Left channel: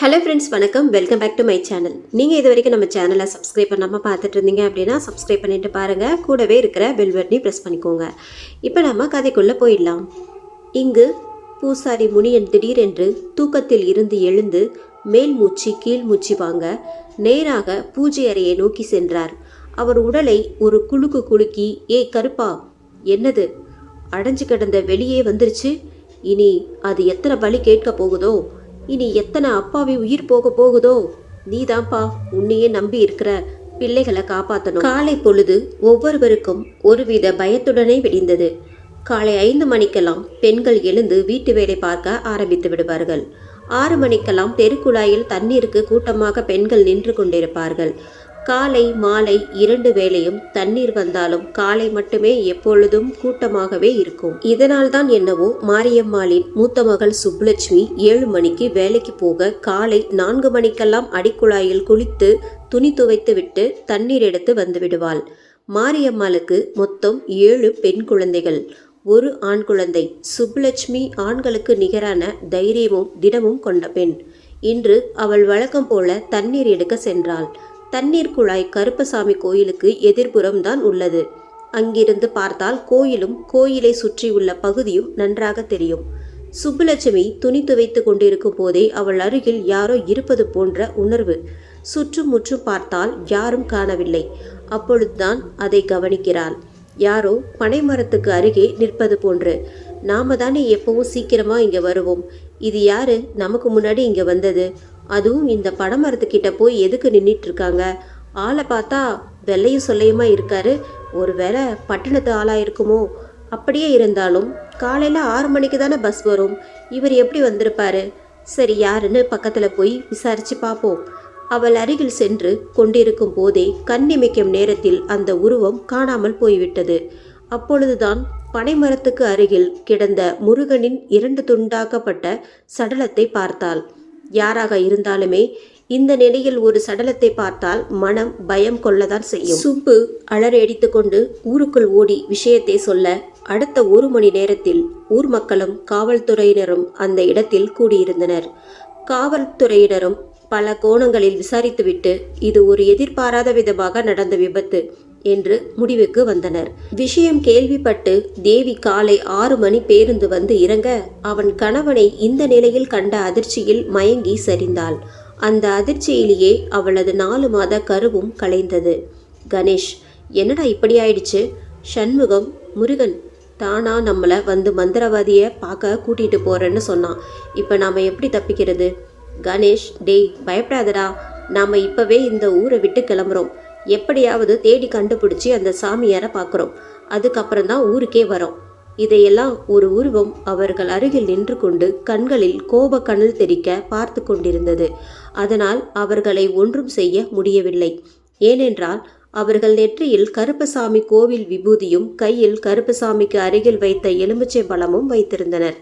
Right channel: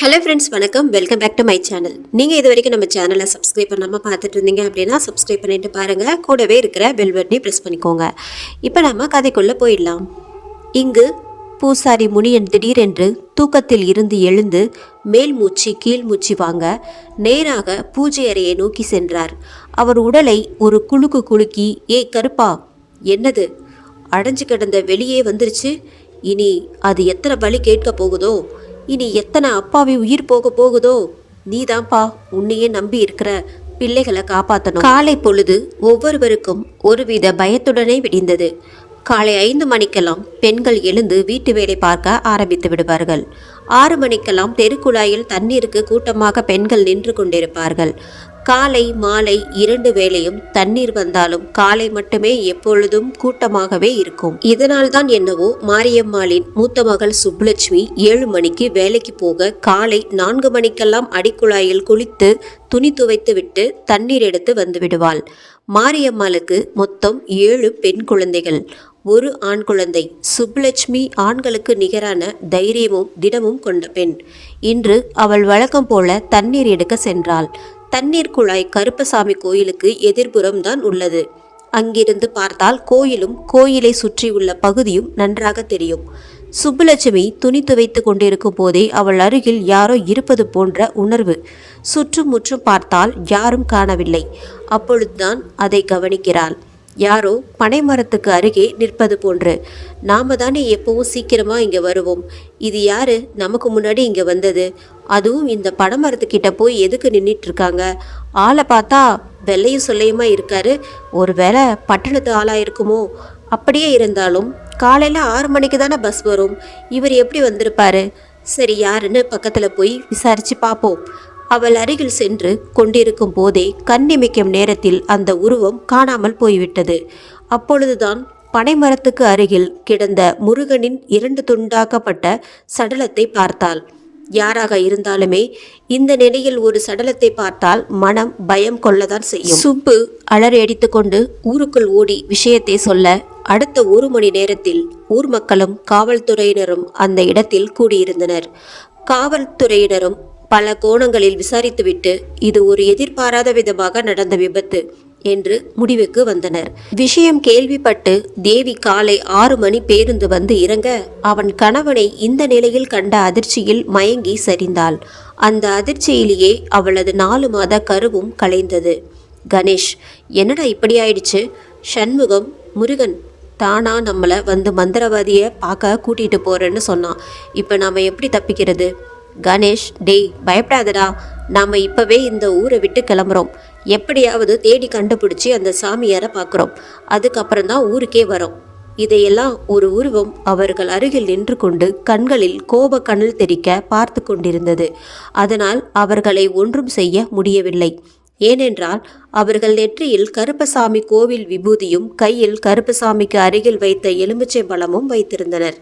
Hello friends, வணக்கம். Welcome back to my channel. நீங்கள் இது வரைக்கும் நம்ம சேனலை சப்ஸ்கிரைப் பண்ணாமல் பார்த்துட்டு இருந்தீங்க அப்படின்னா சப்ஸ்கிரைப் பண்ணிட்டு பாருங்கள். கூடவே இருக்கிற பெல் பட்டனை ப்ரெஸ் பண்ணிக்கோங்க. இப்போ நம்ம கதைக்குள்ளே போயிடலாம். இங்கு பூசாரி முனியன் திடீரென்று தூக்கத்தில் இருந்து எழுந்து மேல் மூச்சு கீழ் மூச்சு வாங்க நேராக பூஜை அறையை நோக்கி சென்றார். அவர் உடலை ஒரு குலுக்கு குலுக்கி, ஏ கருப்பா, என்னது அடைஞ்சு கிடந்த வெளியே வந்துருச்சு, இனி அது எத்தனை பலி கேட்க போகுதோ, இனி எத்தனை அப்பாவி உயிர் போக போகுதோ, நீதான்ப்பா உன்னையே நம்பி இருக்கிற பிள்ளைகளை காப்பாற்றணும். காலை பொழுது ஒவ்வொருவருக்கும் ஒருவித பயத்துடனே விடிந்தது. காலை 5 மணிக்கெல்லாம் பெண்கள் எழுந்து வீட்டு வேலை பார்க்க ஆரம்பித்து விடுவார்கள். 6 மணிக்கெல்லாம் தெருக்குழாயில் தண்ணீருக்கு கூட்டமாக பெண்கள் நின்று கொண்டிருப்பார்கள். காலை மாலை 2 வேளையும் தண்ணீர் வந்தாலும் காலை மட்டுமே எப்பொழுதும் கூட்டமாகவே இருக்கும். இதனால் தான் என்னவோ மாரியம்மாளின் மூத்த மகள் சுப்புலட்சுமி 7 மணிக்கு வேலைக்கு போக காலை 4 மணிக்கெல்லாம் அடிக்குழாயில் குளித்து துணி துவைத்து விட்டு தண்ணீர் எடுத்து வந்து விடுவாள். மாரியம்மாளுக்கு மொத்தம் 7 பெண் குழந்தைகள், ஒரு ஆண் குழந்தை. சுப்புலட்சுமி ஆண்களுக்கு நிகரான தைரியமும் திடமும் கொண்ட பெண். இன்று அவள் வழக்கம் போல தண்ணீர் எடுக்க சென்றாள். தண்ணீர் குழாய் கருப்பசாமி கோயிலுக்கு எதிர்புறம் தான் உள்ளது. அங்கிருந்து பார்த்தால் கோயிலும் கோயிலை சுற்றியுள்ள பகுதியும் நன்றாக தெரியும். சுப்புலட்சுமி துணி துவைத்து கொண்டிருக்கும் போதே அவள் அருகில் யாரோ இருப்பது போன்ற உணர்வு. சுற்றும் முற்றும் பார்த்தால் யாரும் காணவில்லை. அப்பொழுதுதான் அதை கவனிக்கிறாள். யாரோ பனைமரத்துக்கு அருகே நிற்பது போன்று. நாம தானே எப்பவும் சீக்கிரமா இங்க வருவோம், இது யாரு நமக்கு முன்னாடி இங்க வந்தது, அதுவும் இந்த பனைமரத்துக்கிட்ட போய் எதுக்கு நின்றுட்டு இருக்காங்க, ஆளை பார்த்தா வெள்ளையும் சொல்லையுமா இருக்காரு, ஒருவேளை பட்டணத்து ஆளா இருக்குமோ, அப்படியே இருந்தாலும் காலையில 6 மணிக்கு தானே பஸ் வரும், இவர் எப்படி வந்திருப்பாரு, சரி யாருன்னு பக்கத்துல போய் விசாரிச்சு பார்ப்போம். அவள் அருகில் சென்று கொண்டிருக்கும் போதே கண்ணிமைக்கும் நேரத்தில் அந்த உருவம் காணாமல் போய்விட்டது. அப்பொழுதுதான் பனைமரத்துக்கு அருகில் கிடந்த முருகனின் 2 துண்டாக்கப்பட்ட சடலத்தை பார்த்தாள். யாராக இருந்தாலுமே இந்த நிலையில் ஒரு சடலத்தை பார்த்தால் மனம் பயம் கொள்ளதான் செய்யும். சுப்பு அலறி அடித்து கொண்டு ஊருக்குள் ஓடி விஷயத்தை சொல்ல அடுத்த 1 மணி நேரத்தில் ஊர் மக்களும் காவல்துறையினரும் அந்த இடத்தில் கூடியிருந்தனர். காவல்துறையினரும் பல கோணங்களில் விசாரித்துவிட்டு இது ஒரு எதிர்பாராத விதமாக நடந்த விபத்து என்று முடிவுக்கு வந்தனர். விஷயம் கேள்விப்பட்டு தேவி காலை 6 மணி பேருந்து வந்து இறங்க அவன் கணவனை இந்த நிலையில் கண்ட அதிர்ச்சியில் மயங்கி சரிந்தாள். அந்த அதிர்ச்சியிலேயே அவளது 4 மாத கருவும் கலைந்தது. கணேஷ், என்னடா இப்படி ஆயிடுச்சு? சண்முகம், முருகன் தானா நம்மளை வந்து மந்திரவாதியை பார்க்க கூட்டிட்டு போறேன்னு சொன்னான். இப்போ நாம எப்படி தப்பிக்கிறது? கணேஷ், டேய் பயப்படாதடா, நாம் இப்போவே இந்த ஊரை விட்டு கிளம்புறோம். எப்படியாவது தேடி கண்டுபிடிச்சி அந்த சாமியாரை பார்க்குறோம். அதுக்கப்புறம் தான் ஊருக்கே வரோம். இதையெல்லாம் ஒரு உருவம் அவர்கள் அருகில் நின்று கொண்டு கண்களில் கோப கனல் தெறிக்க பார்த்து கொண்டிருந்தது. அதனால் அவர்களை ஒன்றும் செய்ய முடியவில்லை. ஏனென்றால் அவர்கள் நெற்றியில் கருப்பசாமி கோவில் விபூதியும் கையில் கருப்பசாமிக்கு அருகில் வைத்த எலுமிச்சை பழமும் வைத்திருந்தனர்.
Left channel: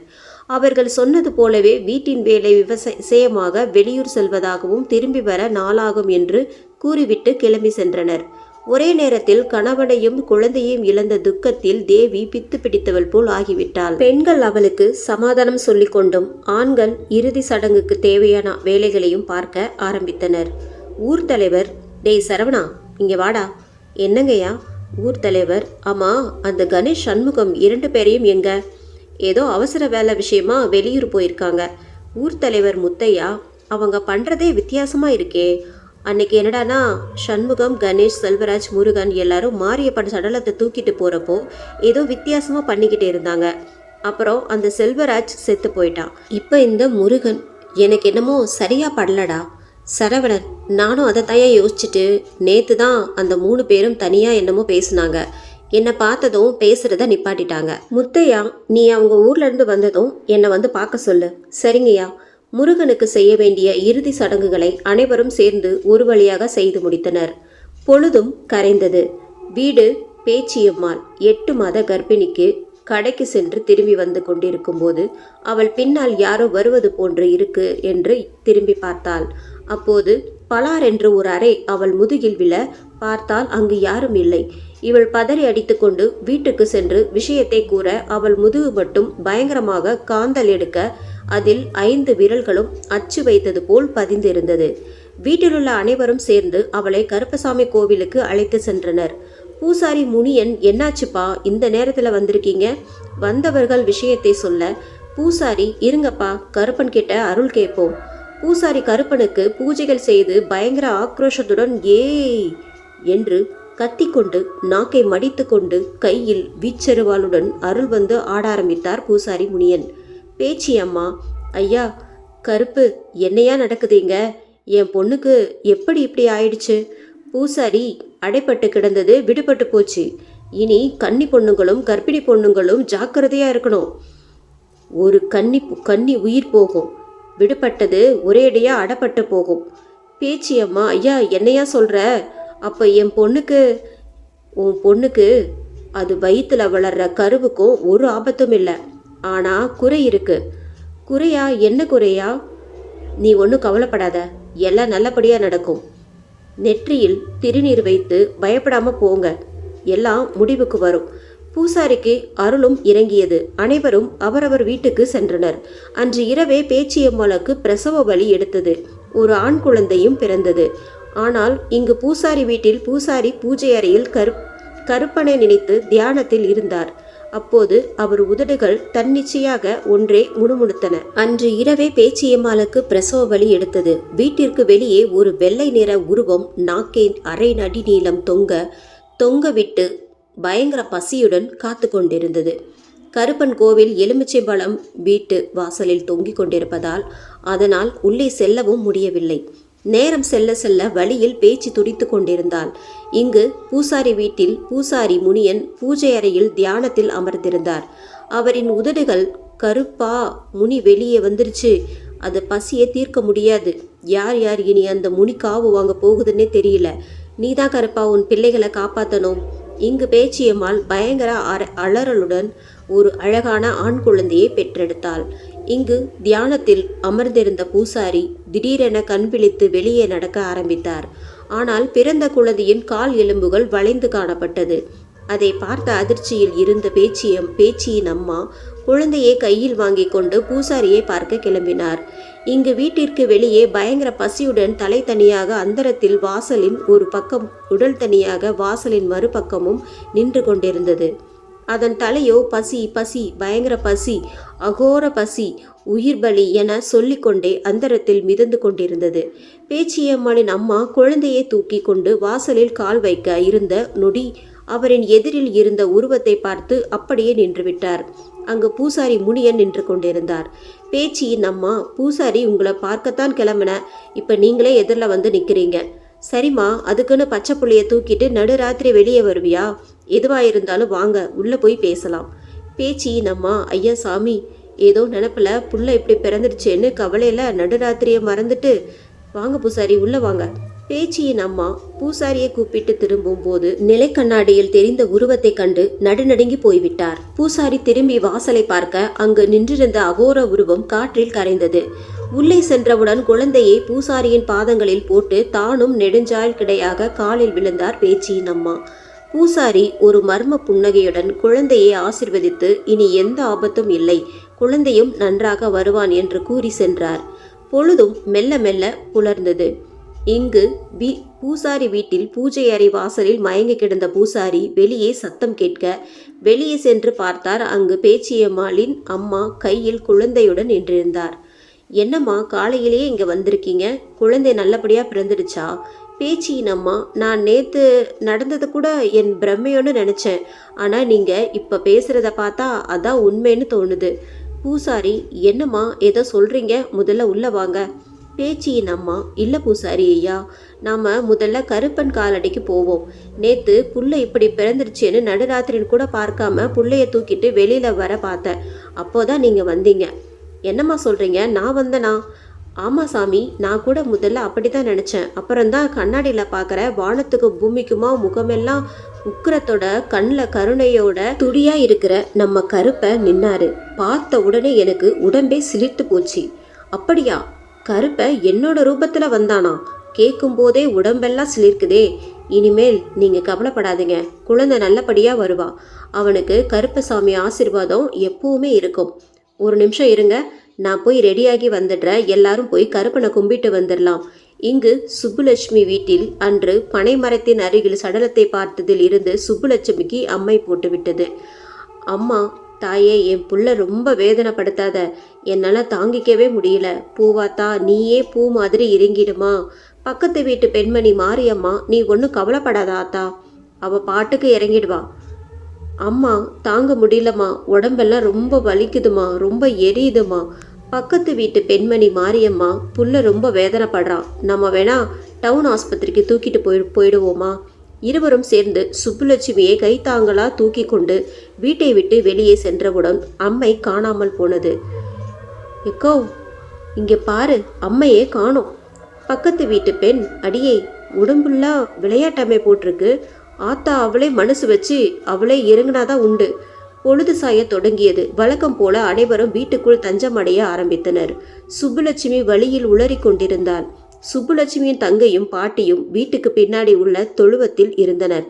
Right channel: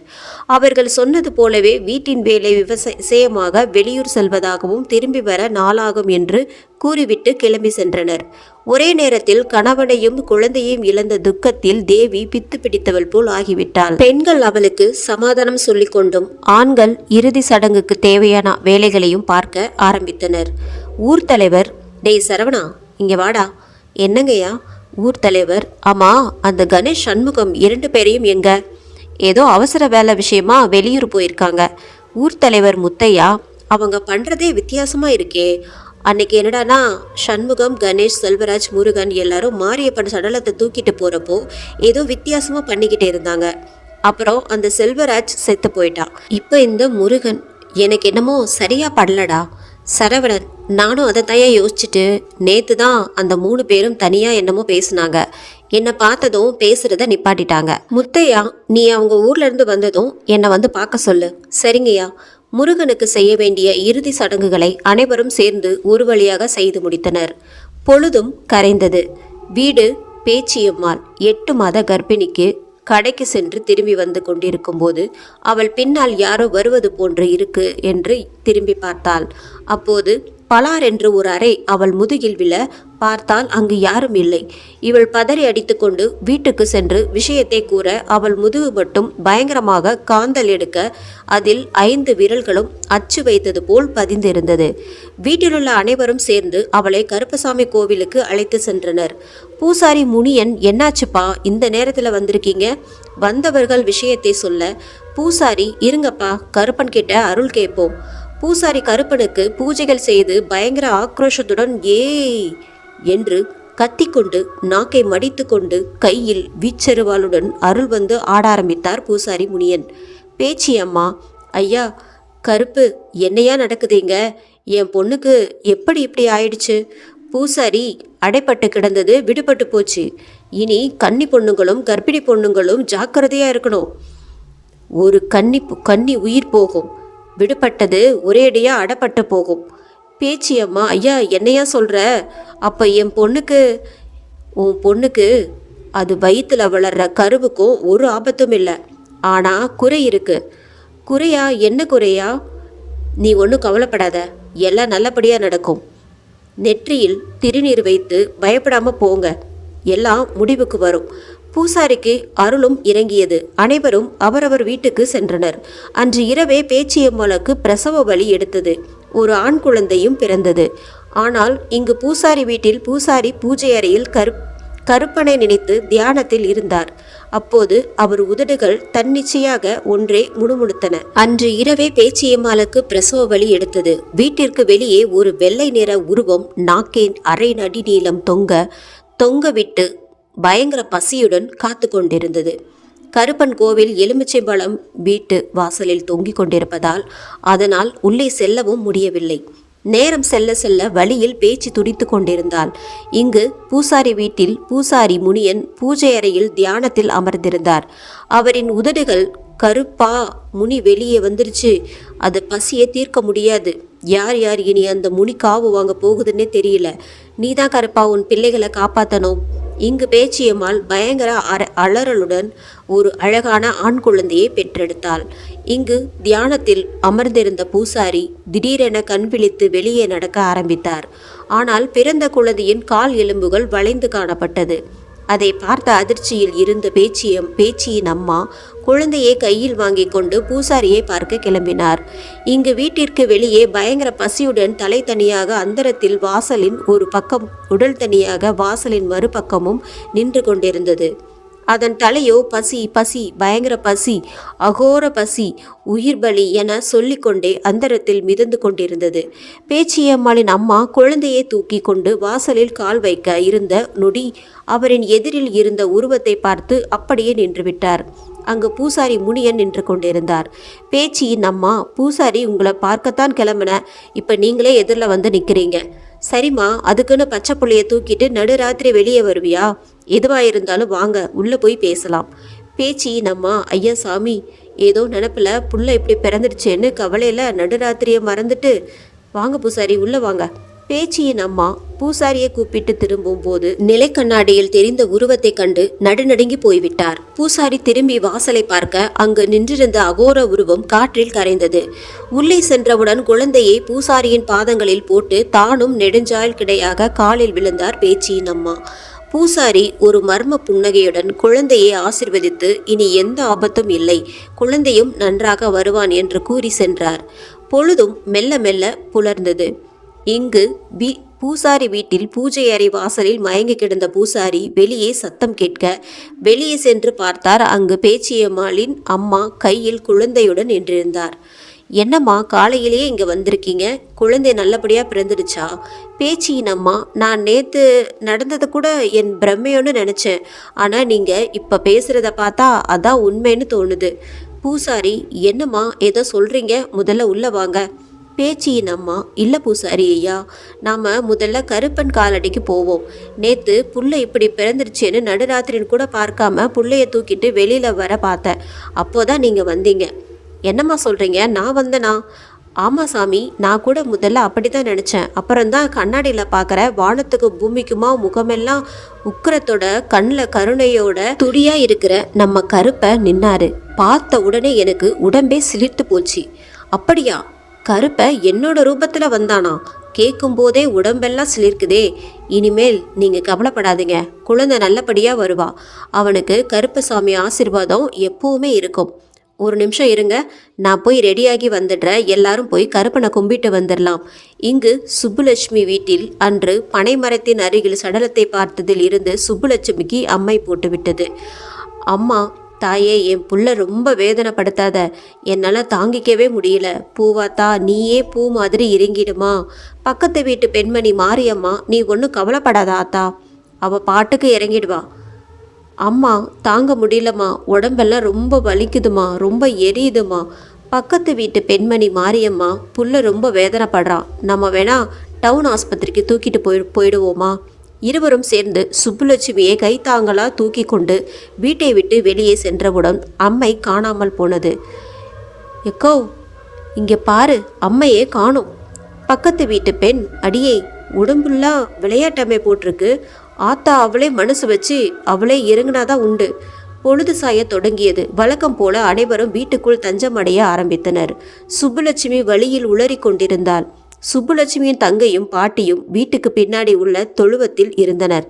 அவர்கள் சொன்னது போலவே வீட்டின் வேலை விவசாயமாக வெளியூர் செல்வதாகவும் திரும்பி வர நாளாகும் என்று கூறிவிட்டு கிளம்பி சென்றனர். ஒரே நேரத்தில் கணவனையும் குழந்தையும் இழந்த துக்கத்தில் தேவி பித்து பிடித்தவள் போல் ஆகிவிட்டாள். பெண்கள் அவளுக்கு சமாதானம் சொல்லிக் கொண்டும் ஆண்கள் இறுதி சடங்குக்கு தேவையான வேலைகளையும் பார்க்க ஆரம்பித்தனர். ஊர் தலைவர், டேய் சரவணா, இங்க வாடா. என்னங்கய்யா? ஊர் தலைவர், ஆமா அந்த கணேஷ் சண்முகம் 2 பேரையும் எங்க? ஏதோ அவசர வேலை விஷயமா வெளியூர் போயிருக்காங்க. ஊர் தலைவர் முத்தையா, அவங்க பண்றதே வித்தியாசமா இருக்கே. அன்னைக்கு என்னடானா சண்முகம், கணேஷ், செல்வராஜ், முருகன் எல்லாரும் மாரியப்பன் சடலத்தை தூக்கிட்டு போறப்போ ஏதோ வித்தியாசமா பண்ணிக்கிட்டே இருந்தாங்க. அப்புறம் அந்த செல்வராஜ் செத்து போயிட்டான். இப்போ இந்த முருகன் எனக்கு என்னமோ சரியா படலடா. சரவணன், நானும் அதை தயா யோசிச்சுட்டு நேத்து தான் அந்த 3 பேரும் தனியா என்னமோ பேசுனாங்க. என்னை பார்த்ததும் பேசுறத நிப்பாட்டிட்டாங்க. முத்தையா, நீ அவங்க ஊர்ல இருந்து வந்ததும் என்னை வந்து பார்க்க சொல்லு. சரிங்கய்யா. முருகனுக்கு செய்ய வேண்டிய இறுதி சடங்குகளை அனைவரும் சேர்ந்து ஒரு வழியாக செய்து முடித்தனர். பொழுதும் கரைந்தது. வீடு பேச்சியம்மாள் 8 மாத கர்ப்பிணிக்கு கடைக்கு சென்று திரும்பி வந்து கொண்டிருக்கும் போது அவள் பின்னால் யாரோ வருவது போன்று இருக்கு என்று திரும்பி பார்த்தாள். அப்போது பலார் என்று ஒரு அறை அவள் முதுகில் விழ பார்த்தால் அங்கு யாரும் இல்லை. இவள் பதறி அடித்துக்கொண்டு வீட்டுக்கு சென்று விஷயத்தை கூற அவள் முதுகு மட்டும் பயங்கரமாக காந்தல் எடுக்க அதில் 5 விரல்களும் அச்சு வைத்தது போல் பதிந்திருந்தது. வீட்டிலுள்ள அனைவரும் சேர்ந்து அவளை கருப்பசாமி கோவிலுக்கு அழைத்து சென்றனர். பூசாரி முனியன், என்னாச்சுப்பா இந்த நேரத்தில் வந்திருக்கீங்க? வந்தவர்கள் விஷயத்தை சொல்ல, பூசாரி, இருங்கப்பா, கருப்பன் கிட்ட அருள் கேட்போம். பூசாரி கருப்பனுக்கு பூஜைகள் செய்து பயங்கர ஆக்ரோஷத்துடன் ஏய் என்று கத்திக்கொண்டு நாக்கை மடித்து கொண்டு கையில் வீச்செருவாளுடன் அருள் வந்து ஆட ஆரம்பித்தார் பூசாரி முனியன். பேச்சியம்மா, ஐயா கருப்பு, என்னையா நடக்குதுங்க? என் பொண்ணுக்கு எப்படி இப்படி ஆயிடுச்சு? பூசாரி, அடைப்பட்டு கிடந்தது விடுபட்டு போச்சு. இனி கன்னி பொண்ணுங்களும் கர்ப்பிணி பொண்ணுங்களும் ஜாக்கிரதையா இருக்கணும். ஒரு கன்னி உயிர் போகும், விடுபட்டது ஒரேடியா அடப்பட்டு போகும். பேச்சியம்மா, ஐயா என்னையா சொல்ற? அப்ப என் பொண்ணுக்கு? உன் பொண்ணுக்கு அது வயிற்றுல வளர்ற கருவுக்கும் ஒரு ஆபத்தும் இல்லை. ஆனா குறை இருக்கு. குறையா? என்ன குறையா? நீ ஒன்றும் கவலைப்படாத, எல்லாம் நல்லபடியா நடக்கும். நெற்றியில் திருநீர் வைத்து பயப்படாம போங்க, எல்லாம் முடிவுக்கு வரும். பூசாரிக்கு அருளும் இறங்கியது. அனைவரும் அவரவர் வீட்டுக்கு சென்றனர். அன்று இரவே பேச்சியம்மனுக்கு பிரசவ வலி எடுத்தது. ஒரு ஆண் குழந்தையும் பிறந்தது. ஆனால் இங்கு பூசாரி வீட்டில் பூசாரி பூஜை அறையில் கருப்பனை நினைத்து தியானத்தில் இருந்தார். அப்போது அவர் உதடுகள் தன்னிச்சையாக ஒன்றே முணுமுணுத்தன. அன்று இரவே பேச்சியம்மாளுக்கு பிரசவ வலி எடுத்தது. வீட்டிற்கு வெளியே ஒரு வெள்ளை நிற உருவம் நாக்கேன் அரை நடி நீளம் தொங்க விட்டு பயங்கர பசியுடன் காத்து கொண்டிருந்தது. கருப்பன் கோவில் எலுமிச்சை பழம் வீட்டு வாசலில் தொங்கிக் கொண்டிருப்பதால் அதனால் உள்ளே செல்லவும் முடியவில்லை. நேரம் செல்ல செல்ல வழியில் பேச்சு துடித்து கொண்டிருந்தாள். இங்கு பூசாரி வீட்டில் பூசாரி முனியன் பூஜை அறையில் தியானத்தில் அமர்ந்திருந்தார். அவரின் உதடுகள், கருப்பா, முனி வெளியே வந்துருச்சு, அது பசியை தீர்க்க முடியாது. யார் யார் இனி அந்த முனி காவு வாங்க போகுதுன்னே தெரியல. நீதான் கருப்பா உன் பிள்ளைகளை காப்பாற்றணும். இங்கு பேச்சியம்மாள் பயங்கர அலறலுடன் ஒரு அழகான ஆண் குழந்தையை பெற்றெடுத்தாள். இங்கு தியானத்தில் அமர்ந்திருந்த பூசாரி திடீரென கண் விழித்து வெளியே நடக்க ஆரம்பித்தார். ஆனால் பிறந்த குழந்தையின் கால் எலும்புகள் வளைந்து காணப்பட்டது. அதை பார்த்த அதிர்ச்சியில் இருந்த பேச்சியின் அம்மா குழந்தையை கையில் வாங்கி கொண்டு பூசாரியை பார்க்க கிளம்பினார். இங்கு வீட்டிற்கு வெளியே பயங்கர பசியுடன் தலை தனியாக அந்தரத்தில் வாசலின் ஒரு பக்கம், உடல் தனியாக வாசலின் மறுபக்கமும் நின்று கொண்டிருந்தது. அதன் தலையோ பசி பசி, பயங்கர பசி, அகோர பசி, உயிர் பலி என சொல்லிக்கொண்டே அந்தரத்தில் மிதந்து கொண்டிருந்தது. பேச்சியம்மாளின் அம்மா குழந்தையை தூக்கி கொண்டு வாசலில் கால் வைக்க இருந்த நொடி அவரின் எதிரில் இருந்த உருவத்தை பார்த்து அப்படியே நின்றுவிட்டார். அங்கு பூசாரி முனியன் நின்று கொண்டிருந்தார். பேச்சியின் அம்மா, பூசாரி உங்களை பார்க்கத்தான் கிளம்பின, இப்ப நீங்களே எதிரில் வந்து நிற்கிறீங்க. சரிம்மா, அதுக்குன்னு பச்சை புள்ளைய தூக்கிட்டு நடுராத்திரி வெளியே வருவியா? எதுவாயிருந்தாலும் வாங்க, உள்ளே போய் பேசலாம். பேச்சியின் அம்மா, ஐயா சாமி, ஏதோ நினப்பில் புள்ள இப்படி பிறந்துடுச்சேன்னு கவலையில் நடுராத்திரியை மறந்துட்டு, வாங்க பூசாரி உள்ளே வாங்க. பேச்சியின் அம்மா பூசாரியை கூப்பிட்டு திரும்பும் போது நிலை கண்ணாடியில் தெரிந்த உருவத்தை கண்டு நடுநடுங்கி போய்விட்டார். பூசாரி திரும்பி வாசலை பார்க்க அங்கு நின்றிருந்த அகோர உருவம் காற்றில் கரைந்தது. உள்ளே சென்றவுடன் குழந்தையை பூசாரியின் பாதங்களில் போட்டு தானும் நெடுஞ்சாயல் கிடையாக காலில் விழுந்தார் பேச்சியின் அம்மா. பூசாரி ஒரு மர்ம புன்னகையுடன் குழந்தையை ஆசிர்வதித்து, இனி எந்த ஆபத்தும் இல்லை, குழந்தையும் நன்றாக வருவான் என்று கூறி சென்றார். பொழுதும் மெல்ல மெல்ல புலர்ந்தது. இங்கு பூசாரி வீட்டில் பூஜை அறை வாசலில் மயங்கி கிடந்த பூசாரி வெளியே சத்தம் கேட்க வெளியே சென்று பார்த்தார். அங்கு பேச்சியம்மாளின் அம்மா கையில் குழந்தையுடன் நின்றிருந்தார். என்னம்மா, காலையிலேயே இங்கே வந்திருக்கீங்க? குழந்தை நல்லபடியாக பிறந்துடுச்சா? பேச்சியின் அம்மா, நான் நேற்று நடந்ததை கூட என் பிரம்மையோன்னு நினச்சேன், ஆனால் நீங்கள் இப்போ பேசுகிறத பார்த்தா அதான் உண்மைன்னு தோணுது. பூசாரி, என்னம்மா ஏதோ சொல்கிறீங்க, முதல்ல உள்ளே வாங்க. பேச்சியின் அம்மா, இல்லை பூசாரி ஐயா, நாம் முதல்ல கருப்பன் காலடிக்கு போவோம். நேற்று புள்ள இப்படி பிறந்துருச்சேன்னு நடுராத்திரின்னு கூட பார்க்காம புள்ளைய தூக்கிட்டு வெளியில் வர பார்த்தேன். அப்போதான் நீங்கள் வந்தீங்க. என்னம்மா சொல்கிறீங்க? நான் வந்தேனா? ஆமாம் சாமி, நான் கூட முதல்ல அப்படி தான் நினச்சேன். அப்புறம்தான் கண்ணாடியில் பார்க்குற வானத்துக்கு பூமிக்குமா முகமெல்லாம் உக்கிரத்தோட கண்ணில் கருணையோட துடியாக இருக்கிற நம்ம கருப்பை நின்னாரு. பார்த்த உடனே எனக்கு உடம்பே சிலிர்த்து போச்சு. அப்படியா? கருப்பை என்னோட ரூபத்தில் வந்தானா? கேட்கும்போதே உடம்பெல்லாம் சிலிர்க்குதே. இனிமேல் நீங்கள் கவலைப்படாதீங்க, குழந்தை நல்லபடியாக வருவா. அவனுக்கு கருப்பசாமி ஆசீர்வாதம் எப்பவுமே இருக்கும். ஒரு நிமிஷம் இருங்க, நான் போய் ரெடியாகி வந்துடுறேன். எல்லாரும் போய் கருப்பனை கும்பிட்டு வந்துடலாம். இங்கு சுப்புலட்சுமி வீட்டில் அன்று பனைமரத்தின் அருகில் சடலத்தை பார்த்ததில் இருந்து சுப்புலட்சுமிக்கு அம்மை போட்டு விட்டது. அம்மா, தாயே, என் புள்ள ரொம்ப வேதனைப்படுத்தாத, என்னால் தாங்கிக்கவே முடியல. பூவாத்தா, நீயே பூ மாதிரி இறங்கிடுமா. பக்கத்து வீட்டு பெண்மணி மாரியம்மா, நீ ஒன்றும் கவலைப்படாத ஆத்தா, அவள் பாட்டுக்கு இறங்கிடுவா. அம்மா, தாங்க முடியலம்மா, உடம்பெல்லாம் ரொம்ப வலிக்குதுமா, ரொம்ப எரியுதுமா. பக்கத்து வீட்டு பெண்மணி மாரியம்மா, புள்ள ரொம்ப வேதனைப்படுறான், நம்ம வேணா டவுன் ஆஸ்பத்திரிக்கு தூக்கிட்டு போயிடுவோமா. இருவரும் சேர்ந்து சுப்புலட்சுமியை கைத்தாங்களா தூக்கி கொண்டு வீட்டை விட்டு வெளியே சென்றவுடன் அம்மை காணாமல் போனது. எக்கோ, இங்கே பாரு, அம்மையே காணோம். பக்கத்து வீட்டு பெண், அடியே, உடம்புலாம் விளையாட்டம்மை போட்டிருக்கு. ஆத்தா அவளே மனசு வச்சு அவளே இறங்கினாதான் உண்டு. பொழுது சாய தொடங்கியது. வழக்கம் போல அனைவரும் வீட்டுக்குள் தஞ்சமடைய ஆரம்பித்தனர். சுப்புலட்சுமி வழியில் உளறி கொண்டிருந்தாள். சுப்புலட்சுமியின் தங்கையும் பாட்டியும் வீட்டுக்கு பின்னாடி உள்ள தொழுவத்தில் இருந்தனர்.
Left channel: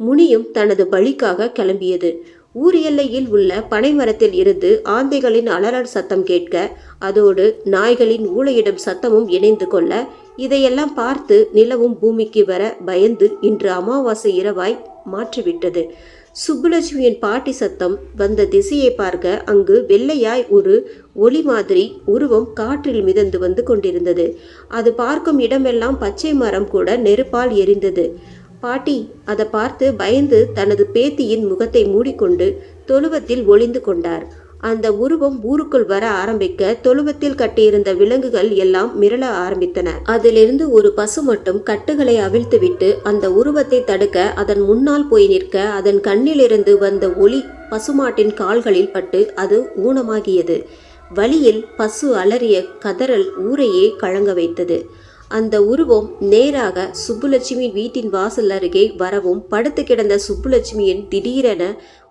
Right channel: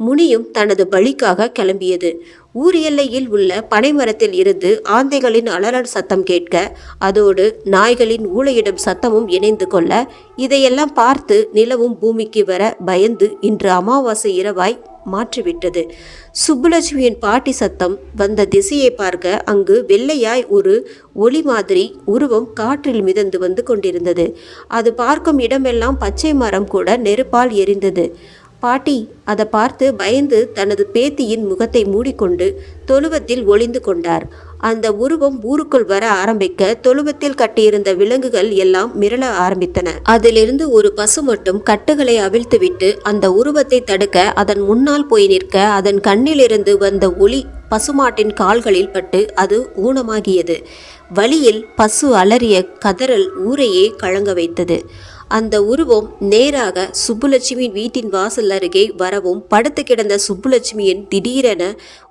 முனியும் தனது பலிக்காக கிளம்பியது. ஊர் எல்லையில் உள்ள பனைமரத்தில் இருந்து ஆந்தைகளின் அலறல் சத்தம் கேட்க, அதோடு நாய்களின் ஊளையிடும் சத்தமும் இணைந்து கொள்ள, இதையெல்லாம் பார்த்து நிலவும் பூமிக்கு வர பயந்து இன்று அமாவாசை இரவாய் மாற்றிவிட்டது. சுப்புலட்சுமியின் பாட்டி சத்தம் வந்த திசையை பார்க்க அங்கு வெள்ளையாய் ஒரு ஒளி மாதிரி உருவம் காற்றில் மிதந்து வந்து கொண்டிருந்தது. அது பார்க்கும் இடமெல்லாம் பச்சை மரம் கூட நெருப்பால் எரிந்தது. பாட்டி அதை பார்த்து பயந்து தனது பேத்தியின் முகத்தை மூடிக்கொண்டு தொழுவத்தில் ஒளிந்து கொண்டார். அந்த உருவம் ஊருக்குள் வர ஆரம்பிக்க தொழுவத்தில் கட்டியிருந்த விலங்குகள் எல்லாம் மிரள ஆரம்பித்தன. அதிலிருந்து ஒரு பசு மட்டும் கட்டுகளை அவிழ்த்துவிட்டு அந்த உருவத்தை தடுக்க அதன் முன்னால் போய் நிற்க, அதன் கண்ணிலிருந்து வந்த ஒளி பசுமாட்டின் கால்களில் பட்டு அது ஊனமாகியது. வழியில் பசு அலறிய கதறல் ஊரையே கலங்க வைத்தது. அந்த உருவம் நேராக சுப்புலட்சுமியின் வீட்டின் வாசல் அருகே வரவும், படுத்து கிடந்த சுப்புலட்சுமியின் திடீரென